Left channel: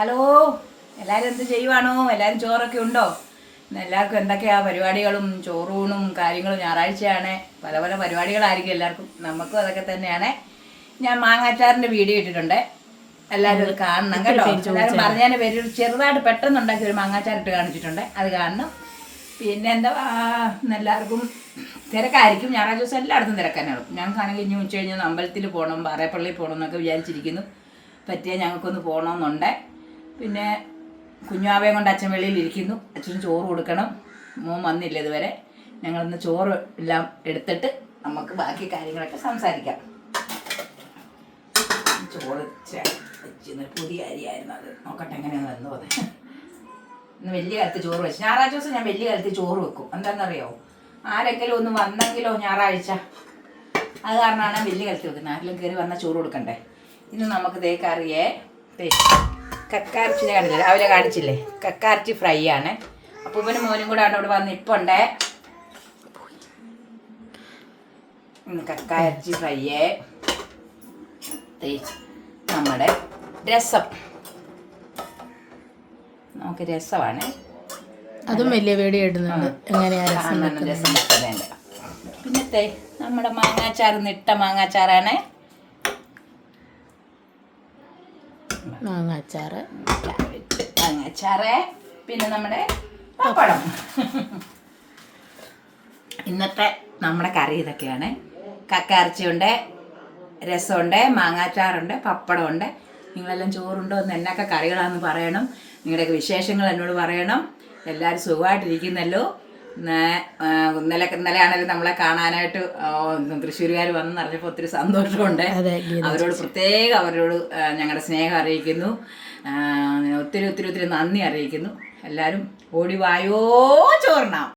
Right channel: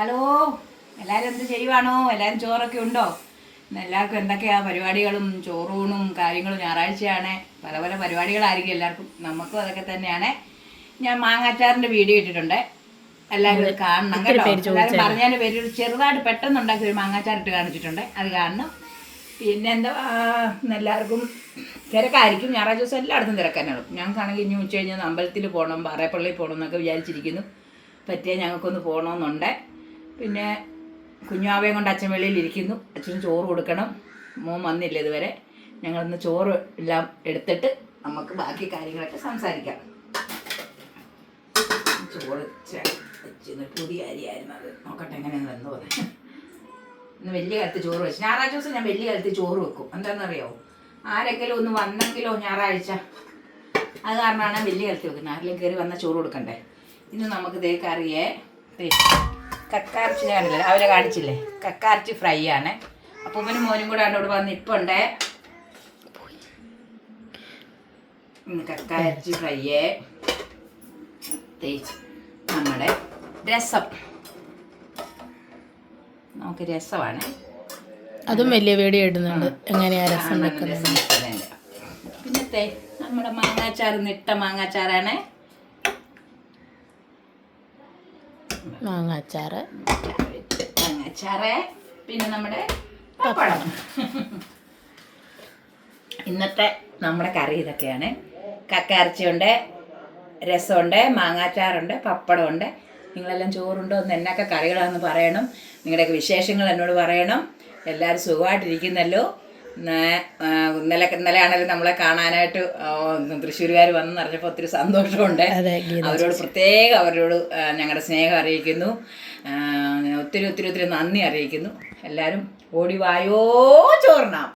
Hello, എല്ലാവരും എന്ത് ചെയ്യുവാണോ? എല്ലാവരും ചോറൊക്കെ ഉണ്ടോ? എല്ലാവർക്കും എന്തൊക്കെയാണ് പരിപാടികളും ചോറൂണും കാര്യങ്ങളും. ഞായറാഴ്ചയാണ്, പല പല പരിപാടികളായിരിക്കും എല്ലാവർക്കും. നമുക്കും അതൊക്കെ തന്നെയാണ്. ഞാൻ മാങ്ങാച്ചാറിൻ്റെ വീഡിയോ ഇട്ടിട്ടുണ്ട്, എല്ലാവരും അത് കാണണം കേട്ടോ. എല്ലാവരും പറഞ്ഞതിൻ്റെ പേര് ചെറുതായിട്ട് പെട്ടെന്ന് ഉണ്ടാക്കി ഒരു മാങ്ങാച്ചാർ ഇട്ട് കാണിച്ചിട്ടുണ്ട്, അത് കാണണം. പിന്നെ എന്താ, എല്ലാവർക്കും തിരക്കായിരിക്കും. ഞായറാഴ്ച ദിവസം എല്ലായിടത്തും തിരക്കാനാണ്. ഞങ്ങൾക്കാണെങ്കിൽ ഇനി ഉച്ച കഴിഞ്ഞ് അമ്പലത്തിൽ പോകണം, പാറേപ്പള്ളിയിൽ പോകണം എന്നൊക്കെ വിചാരിച്ചിരിക്കുന്നു. പറ്റിയാൽ ഞങ്ങൾക്കൊന്ന് പോകണമെന്നുണ്ട്. പിന്നെ കുഞ്ഞാവയും കൊണ്ട് അച്ഛൻ വെളിയിലിരിക്കുന്നു. അച്ഛന് ചോറ് കൊടുക്കണം. മോൻ വന്നില്ല ഇതുവരെ. ഞങ്ങളിന്ന് ചോറ് എല്ലാം എടുത്തിട്ട് നമുക്ക് ബാക്കി കാര്യങ്ങളൊക്കെ സംസാരിക്കാം. ചോറ് വെച്ചിരുന്ന പുതിയ അരിയായിരുന്നു, അത് നോക്കട്ടെ എങ്ങനെയാണ് വന്നു പോകുന്നത്. ഇന്ന് വലിയ കാലത്ത് ചോറ് വെച്ചു. ഞായറാഴ്ച ദിവസം ഞാൻ വലിയ കാലത്ത് ചോറ് വെക്കും. എന്താണെന്നറിയാമോ? ആരെങ്കിലും ഒന്ന് വന്നെങ്കിലോ ഞായറാഴ്ച, അത് കാരണമാണ് വലിയ കാലത്ത് വെക്കുന്നത്. ആരെങ്കിലും കയറി വന്നാൽ ചോറ് കൊടുക്കണ്ടേ. ഇന്ന് നമുക്ക് കറിയേ കക്കാർച്ചി ഞാൻ കണ്ടില്ല, രാവിലെ കാണിച്ചില്ലേ, കക്കാർച്ചി ഫ്രൈ ആണ്. അപ്പൂപ്പനും മോനും കൂടെ ആണ് ഇവിടെ വന്ന് ഇപ്പം ഉണ്ട്. കക്കാർച്ചി ഫ്രൈയേ, നമ്മുടെ രസം, നമുക്ക് രസമാണ്. അതും വലിയ വീഡിയോ ഇടുന്നുണ്ട്, എങ്ങനെയാ രസം. പിന്നത്തെ നമ്മുടെ മാങ്ങാച്ചാർ, നിട്ട മാങ്ങാച്ചാറാണ്. മാങ്ങാച്ചാറ്, പിന്നെ നമ്മുടെ പപ്പടം. ഇന്നത്തെ നമ്മുടെ കറി ഇതൊക്കെയാണ്. കക്കയിറച്ചിയുണ്ട്, രസമുണ്ട്, മാങ്ങാച്ചാറുണ്ട്, പപ്പടമുണ്ട്. നിങ്ങളെല്ലാം ചോറുണ്ടോ എന്ന്, എന്നൊക്കെ കറികളാണെന്ന് പറയണം. നിങ്ങളുടെയൊക്കെ വിശേഷങ്ങൾ എന്നോട് പറയണം. എല്ലാവരും സുഖമായിട്ടിരിക്കുന്നല്ലോ. ഇന്നലെയാണെങ്കിലും നമ്മളെ കാണാനായിട്ട് തൃശ്ശൂരുകാർ വന്നെന്ന് അറിഞ്ഞപ്പോൾ ഒത്തിരി സന്തോഷമുണ്ട്. അവരോട് പ്രത്യേകം അവരോട് ഞങ്ങളുടെ സ്നേഹം അറിയിക്കുന്നു. ഒത്തിരി ഒത്തിരി ഒത്തിരി നന്ദി അറിയിക്കുന്നു. എല്ലാവരും ഓടി വായോ ചോറിനാം.